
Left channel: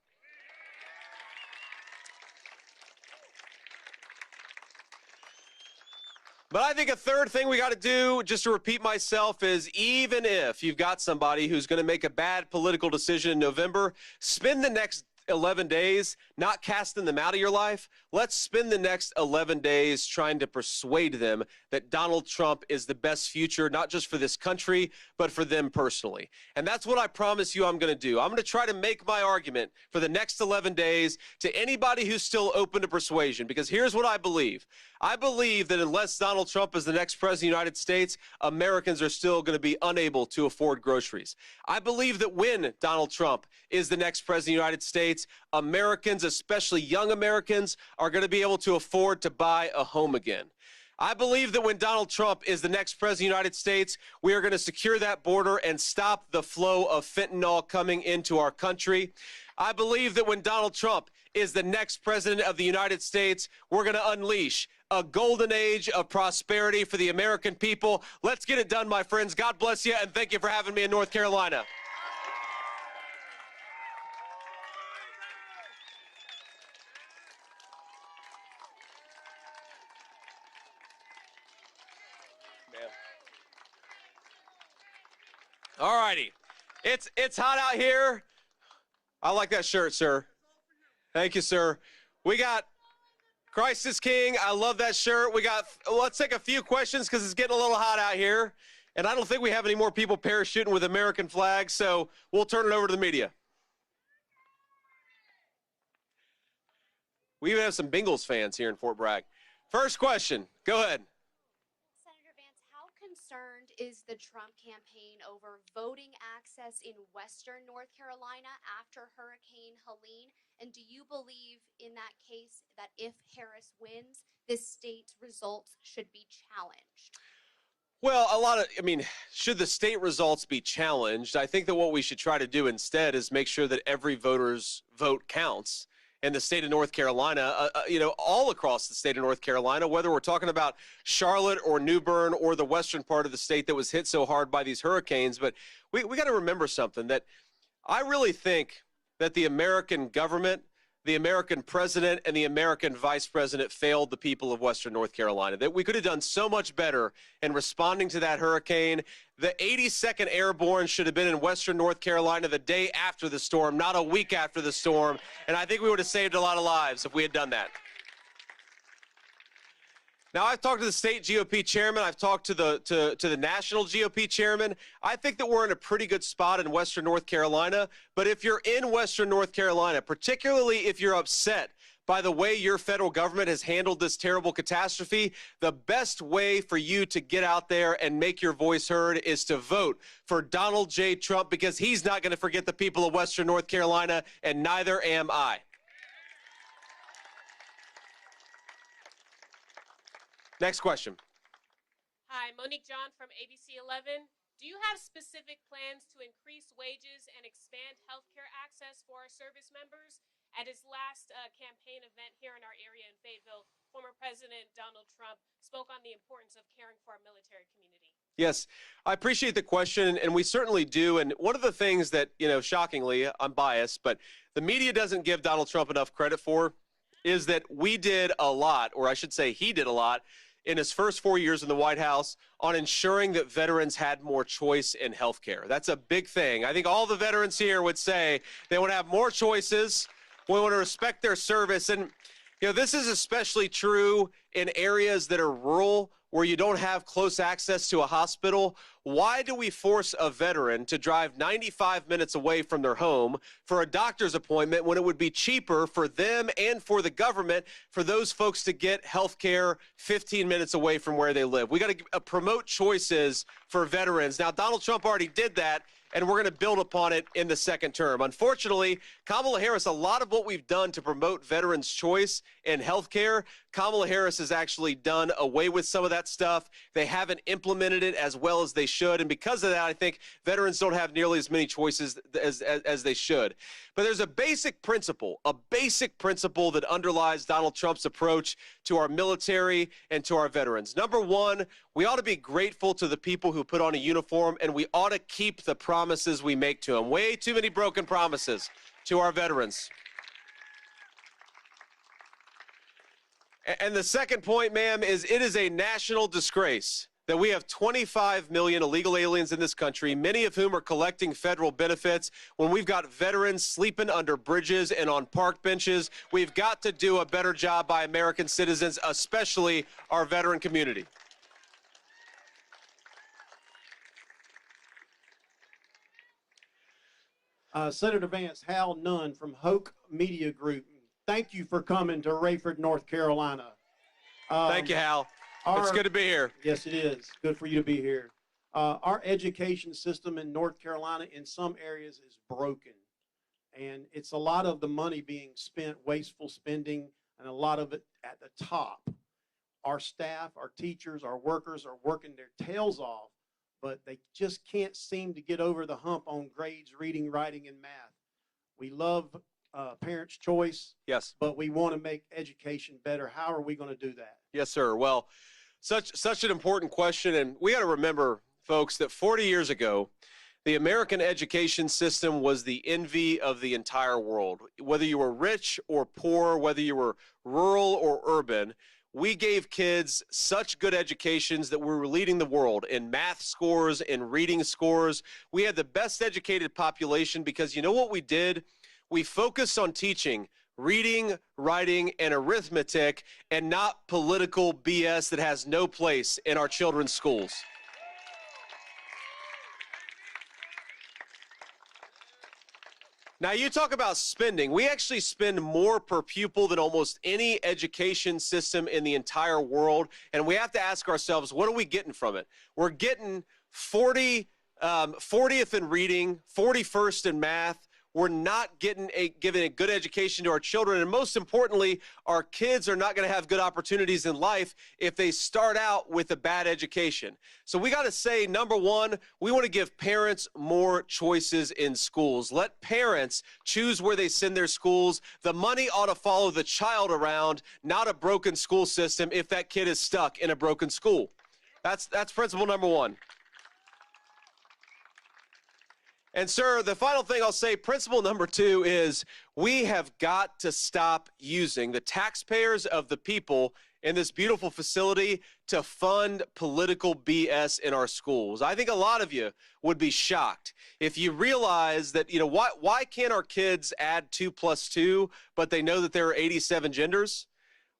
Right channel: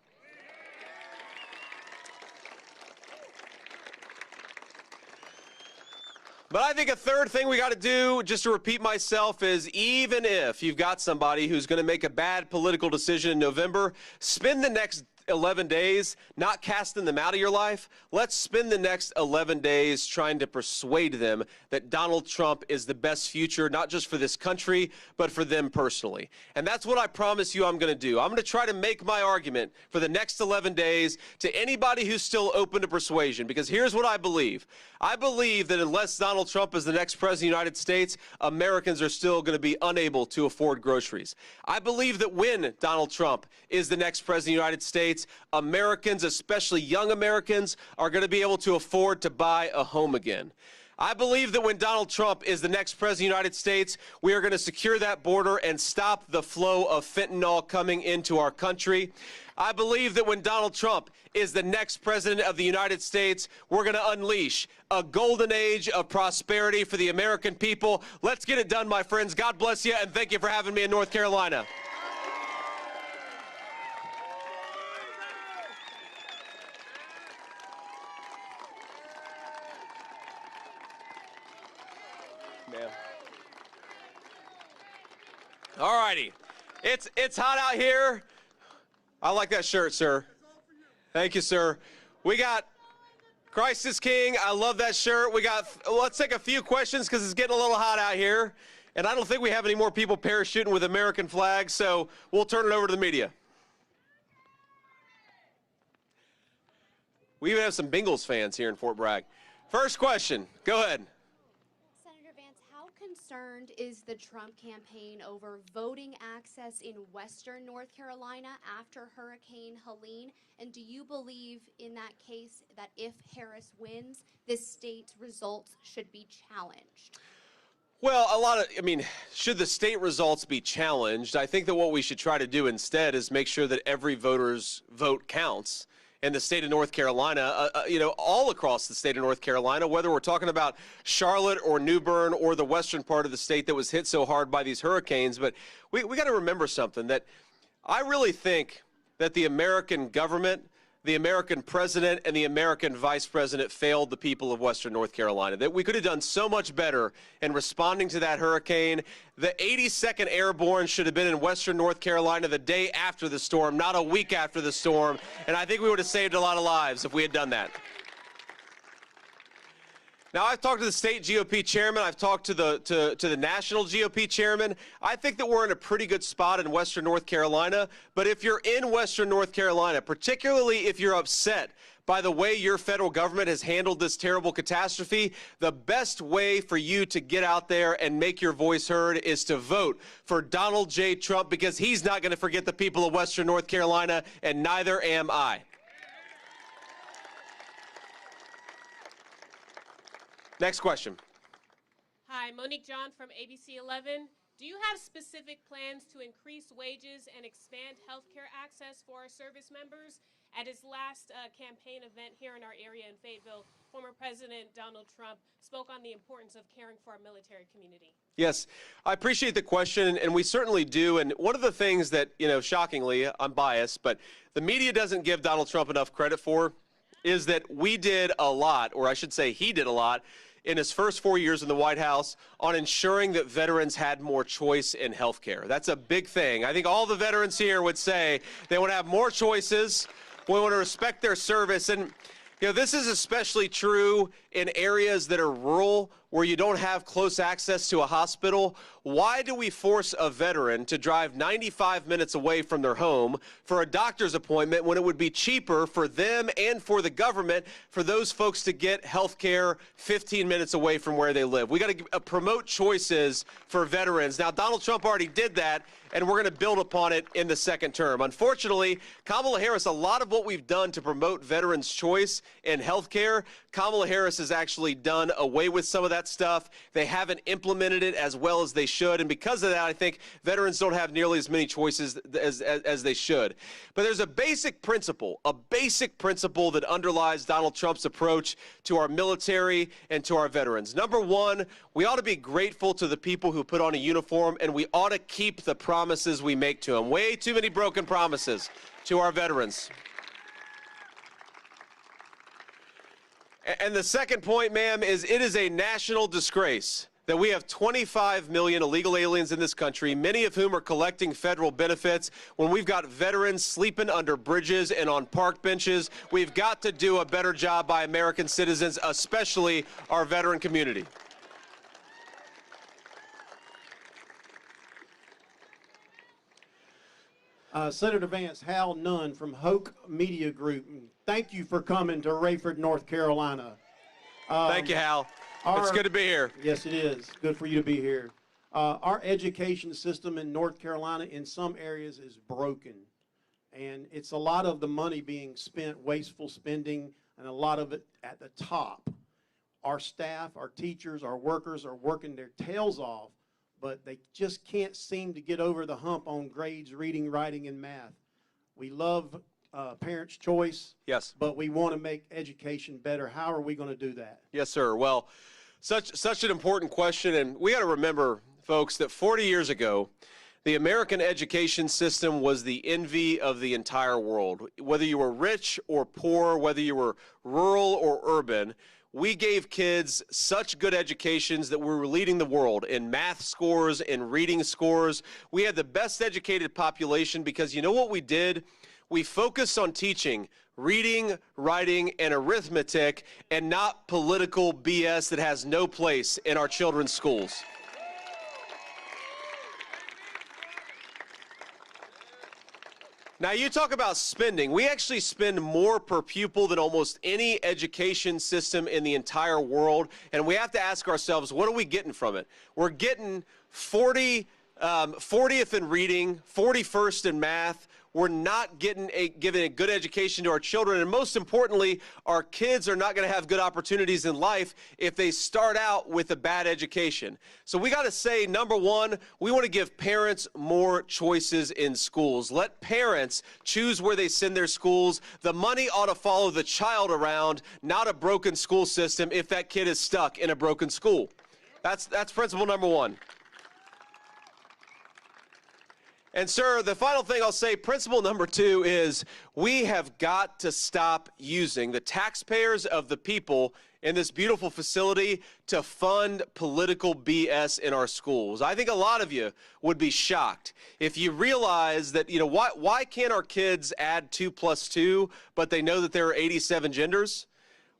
But I think a third thing we got to do, just to repeat myself, is even if you've got somebody who's going to make a bad political decision in November, spend the next 11 days not casting them out of your life. Let's spend the next 11 days trying to persuade them that Donald Trump is the best future, not just for this country, but for them personally. And that's what I promise you I'm going to do. I'm going to try to make my argument for the next 11 days to anybody who's still open to persuasion, because here's what I believe. I believe that unless Donald Trump is the next president of the United States, Americans are still going to be unable to afford groceries. I believe that when Donald Trump is the next president of the United States, Americans, especially young Americans, are going to be able to afford to buy a home again. I believe that when Donald Trump is the next president of the United States, we are going to secure that border and stop the flow of fentanyl coming into our country. I believe that when Donald Trump is the next president of the United States, we're going to unleash a golden age of prosperity for the American people. Let's get it done, my friends. God bless you, and thank you for having me in North Carolina. All righty. It's hot out here. I like that shirt, sir. Thank you, sir. We got Christ is King. I love that shirt. Let's take a few questions because it's getting a little hot out here. And I don't think we have any more people parachuting with American flags, so we'll turn it over to the media. We even have some Bengals fans here in Fort Bragg. First question. Go ahead. Senator Vance, how concerned is the Trump campaign over voting access in western North Carolina after Hurricane Helene? And do you believe in that case that if Harris wins, this state's results should be challenged? Well, should the state results be challenged? I think that what we should try to do instead is make sure that every voter's vote counts. In the state of North Carolina, all across the state of North Carolina, whether we're talking about Charlotte or New Bern or the western part of the state that was hit so hard by these hurricanes. But we got to remember something, that I really think that the American government, the American president, and the American vice president failed the people of western North Carolina, that we could have done so much better in responding to that hurricane. The 82nd Airborne should have been in western North Carolina the day after the storm, not a week after the storm, and I think we would have saved a lot of lives if we had done that. Now, I've talked to the state GOP chairman. I've talked to the national GOP chairman. I think that we're in a pretty good spot in western North Carolina. But if you're in western North Carolina, particularly if you're upset by the way your federal government has handled this terrible catastrophe, the best way for you to get out there and make your voice heard is to vote for Donald J. Trump, because he's not going to forget the people of western North Carolina, and neither am I. Next question. Hi, Monique John from ABC 11. Do you have specific plans to increase wages and expand healthcare access for our service members? At his last campaign event here in our area in Fayetteville, former President Donald Trump spoke on the importance of caring for our military community. Yes, I appreciate the question, and we certainly do. And one of the things that, shockingly, I'm biased, but the media doesn't give Donald Trump enough credit for is that we did a lot, or I should say he did a lot, in his first 4 years in the White House on ensuring that veterans had more choice in health care. That's a big thing. I think all the veterans here would say they want to have more choices. We want to respect their service. And, this is especially true in areas that are rural, where you don't have close access to a hospital. Why do we force a veteran to drive 95 minutes away from their home for a doctor's appointment when it would be cheaper for them and for the government for those folks to get health care 15 minutes away from where they live? We got to promote choices for veterans. Now, Donald Trump already did that, and we're going to build upon it in the second term. Unfortunately, Kamala Harris, a lot of what we've done to promote veterans' choice in health care, Kamala Harris has actually done away with some of that stuff. They haven't implemented it as well as they should, and because of that, I think veterans don't have nearly as many choices as they should. But there's a basic principle that underlies Donald Trump's approach to our military and to our veterans. Number one, we ought to be grateful to the people who put on a uniform, and we ought to keep the promises we make to them. Way too many broken promises to our veterans. And the second point, ma'am, is it is a national disgrace that we have 25 million illegal aliens in this country, many of whom are collecting federal benefits, when we've got veterans sleeping under bridges and on park benches. We've got to do a better job by American citizens, especially our veteran community. Senator Vance, Hal Nunn from Hoke Media Group. Thank you for coming to Raeford, North Carolina. Thank you, Hal. It's good to be here. Yes, it is. Good for you to be here. Our education system in North Carolina in some areas is broken. And it's a lot of the money being spent, wasteful spending, and a lot of it at the top. Our staff, our teachers, our workers are working their tails off, but they just can't seem to get over the hump on grades, reading, writing, and math. We love parents' choice, yes, but we want to make education better. How are we going to do that? Yes, sir. Well, such an important question, and we got to remember, folks, that 40 years ago, the American education system was the envy of the entire world. Whether you were rich or poor, whether you were rural or urban, we gave kids such good educations that we were leading the world in math scores and reading scores. We had the best educated population because you know what we did? We focused on teaching reading, writing, and arithmetic, and not political BS that has no place in our children's schools. Now, you talk about spending. We actually spend more per pupil than almost any education system in the entire world, and we have to ask ourselves, what are we getting from it? We're getting 40th in reading, 41st in math. We're not giving a good education to our children, and most importantly, our kids are not going to have good opportunities in life if they start out with a bad education. So we got to say, number one, we want to give parents more choices in schools. Let parents choose where they send their schools. The money ought to follow the child around, not a broken school system if that kid is stuck in a broken school. That's principle number one. And, sir, the final thing I'll say, principle number two, is we have got to stop using the taxpayers of the people in this beautiful facility to fund political BS in our schools. I think a lot of you would be shocked if you realize that, you know, why can't our kids add 2 + 2, but they know that there are 87 genders?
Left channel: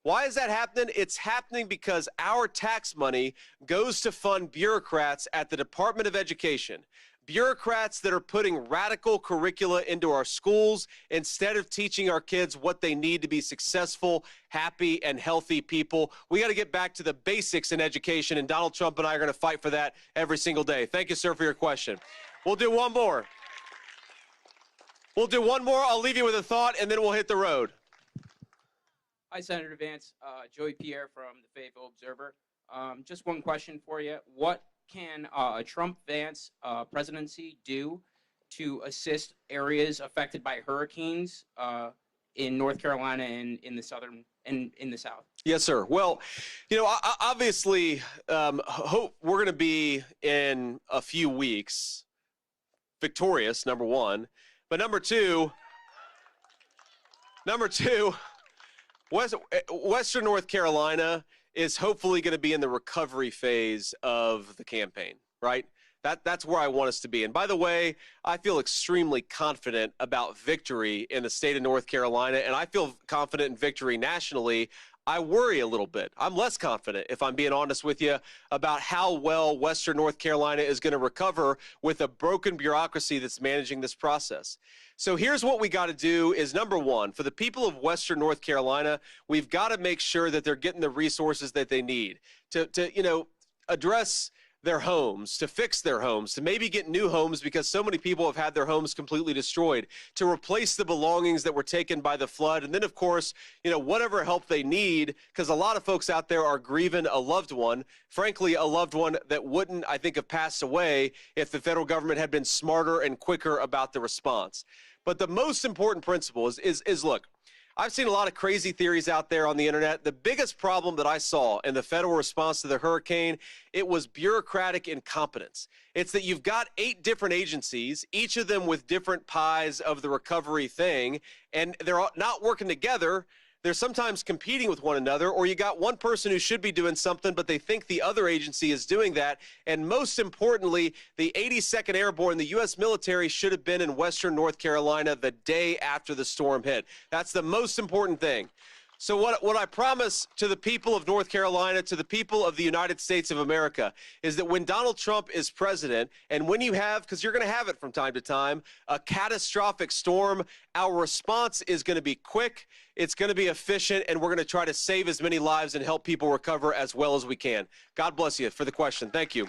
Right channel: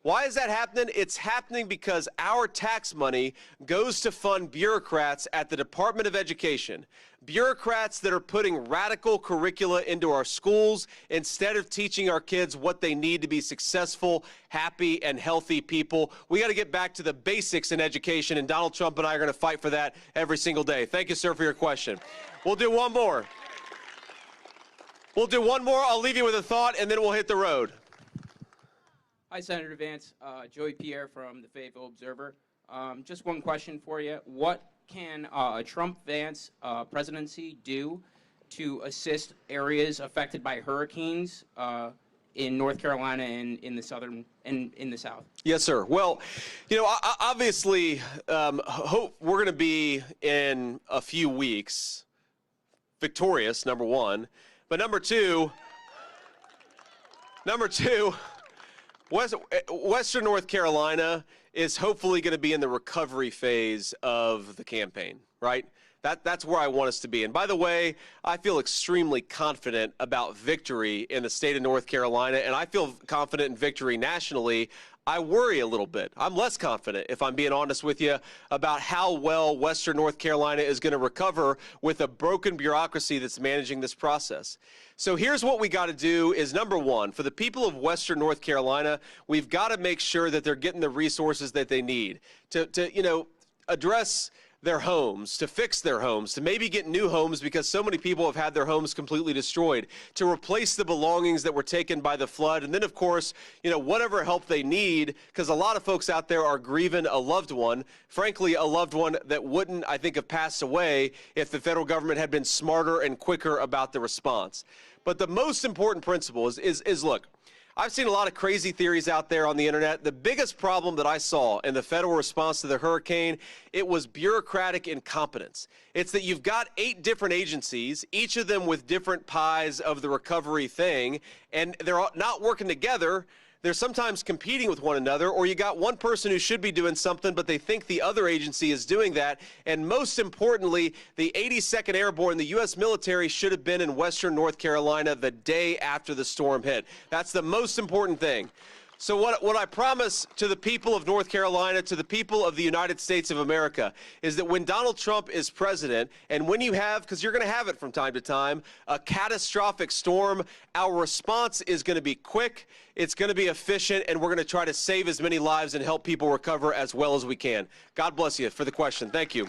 Why is that happening? It's happening because our tax money goes to fund bureaucrats at the Department of Education. Bureaucrats that are putting radical curricula into our schools instead of teaching our kids what they need to be successful, happy, and healthy people. We got to get back to the basics in education, and Donald Trump and I are going to fight for that every single day. Thank you, sir, for your question. We'll do one more. I'll leave you with a thought, and then we'll hit the road. Hi, Senator Vance. Joey Pierre from the Fayetteville Observer. Just one question for you. What can a Trump-Vance presidency do to assist areas affected by hurricanes in North Carolina and in the southern and in the South? Yes, sir. Well, you know, obviously, hope we're going to be in a few weeks victorious, number one, but number two. Western North Carolina is hopefully going to be in the recovery phase of the campaign, right? That's where I want us to be. And by the way, I feel extremely confident about victory in the state of North Carolina, and I feel confident in victory nationally. I worry a little bit. I'm less confident, if I'm being honest with you, about how well Western North Carolina is going to recover with a broken bureaucracy that's managing this process. So here's what we got to do is, number one, for the people of Western North Carolina, we've got to make sure that they're getting the resources that they need to address their homes, to fix their homes, to maybe get new homes because so many people have had their homes completely destroyed, to replace the belongings that were taken by the flood, and then, of course, whatever help they need, because a lot of folks out there are grieving a loved one, frankly, a loved one that wouldn't, I think, have passed away if the federal government had been smarter and quicker about the response. But the most important principle is look, I've seen a lot of crazy theories out there on the internet. The biggest problem that I saw in the federal response to the hurricane, it was bureaucratic incompetence. It's that you've got 8 different agencies, each of them with different pies of the recovery thing, and they're not working together. they're sometimes competing with one another, or you got one person who should be doing something, but they think the other agency is doing that. And most importantly, the 82nd Airborne, the U.S. military, should have been in Western North Carolina the day after the storm hit. That's the most important thing. So what I promise to the people of North Carolina, to the people of the United States of America, is that when Donald Trump is president, and when you have, because you're going to have it from time to time, a catastrophic storm, our response is going to be quick, it's going to be efficient, and we're going to try to save as many lives and help people recover as well as we can. God bless you for the question. Thank you.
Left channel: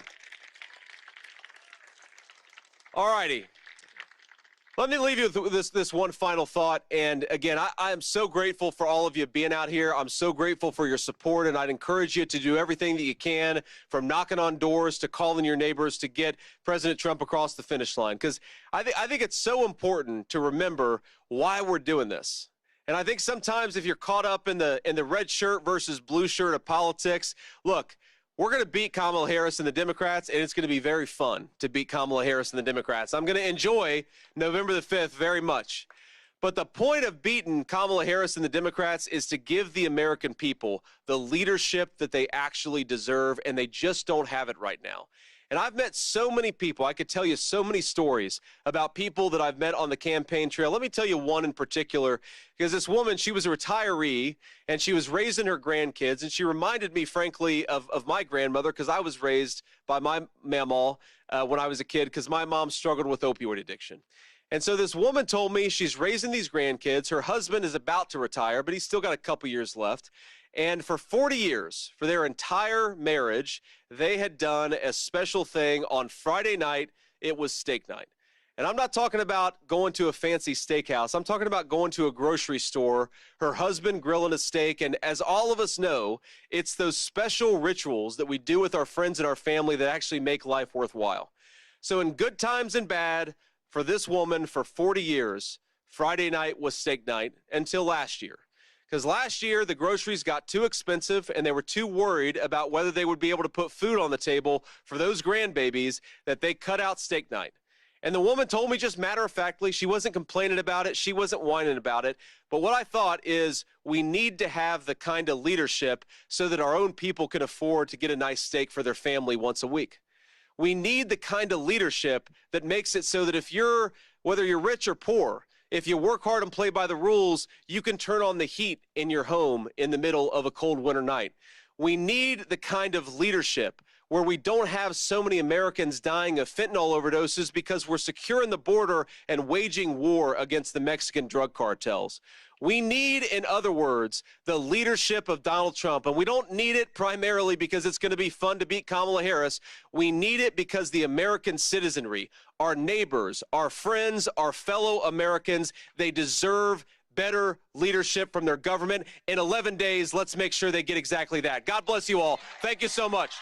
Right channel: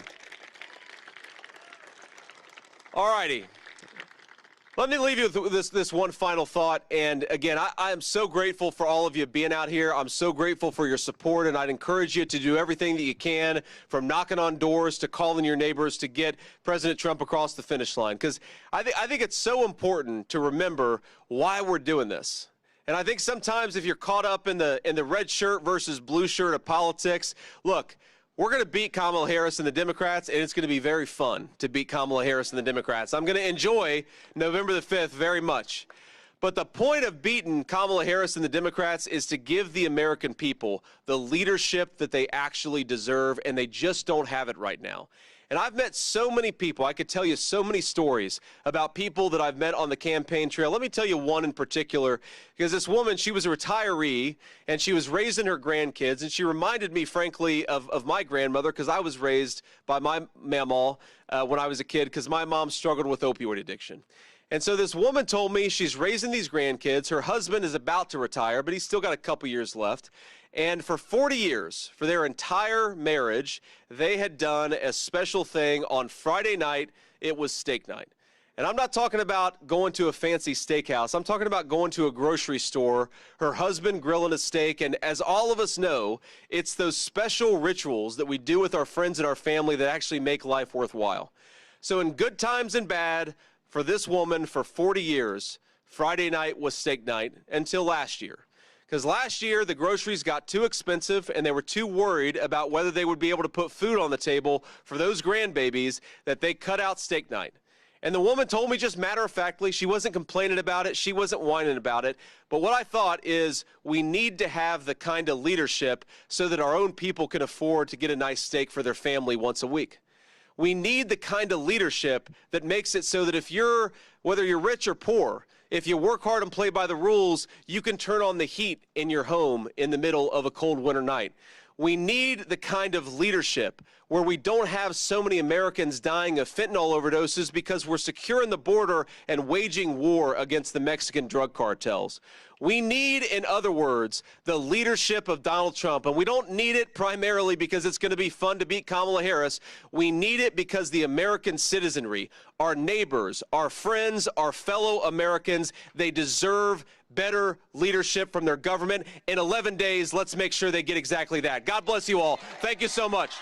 All righty. Let me leave you with this one final thought. And again, I am so grateful for all of you being out here. I'm so grateful for your support, and I'd encourage you to do everything that you can, from knocking on doors to calling your neighbors, to get President Trump across the finish line. Because I think it's so important to remember why we're doing this. And I think sometimes if you're caught up in the red shirt versus blue shirt of politics, look, we're going to beat Kamala Harris and the Democrats, and it's going to be very fun to beat Kamala Harris and the Democrats. I'm going to enjoy November the 5th very much. But the point of beating Kamala Harris and the Democrats is to give the American people the leadership that they actually deserve, and they just don't have it right now. And I've met so many people. I could tell you so many stories about people that I've met on the campaign trail. Let me tell you one in particular, because this woman, she was a retiree, and she was raising her grandkids, and she reminded me, frankly, of my grandmother, because I was raised by my mamaw when I was a kid, because my mom struggled with opioid addiction. And so this woman told me she's raising these grandkids. Her husband is about to retire, but he's still got a couple years left. And for 40 years, for their entire marriage, they had done a special thing on Friday night. It was steak night. And I'm not talking about going to a fancy steakhouse. I'm talking about going to a grocery store, her husband grilling a steak. And as all of us know, it's those special rituals that we do with our friends and our family that actually make life worthwhile. So in good times and bad, for this woman, for 40 years, Friday night was steak night until last year. Because last year, the groceries got too expensive, and they were too worried about whether they would be able to put food on the table for those grandbabies, that they cut out steak night. And the woman told me, just matter-of-factly, she wasn't complaining about it, she wasn't whining about it, but what I thought is we need to have the kind of leadership so that our own people can afford to get a nice steak for their family once a week. We need the kind of leadership that makes it so that whether you're rich or poor, if you work hard and play by the rules, you can turn on the heat in your home in the middle of a cold winter night. We need the kind of leadership where we don't have so many Americans dying of fentanyl overdoses because we're securing the border and waging war against the Mexican drug cartels. We need, in other words, the leadership of Donald Trump, and we don't need it primarily because it's going to be fun to beat Kamala Harris. We need it because the American citizenry, our neighbors, our friends, our fellow Americans, they deserve better leadership from their government. In 11 days, let's make sure they get exactly that. God bless you all. Thank you so much.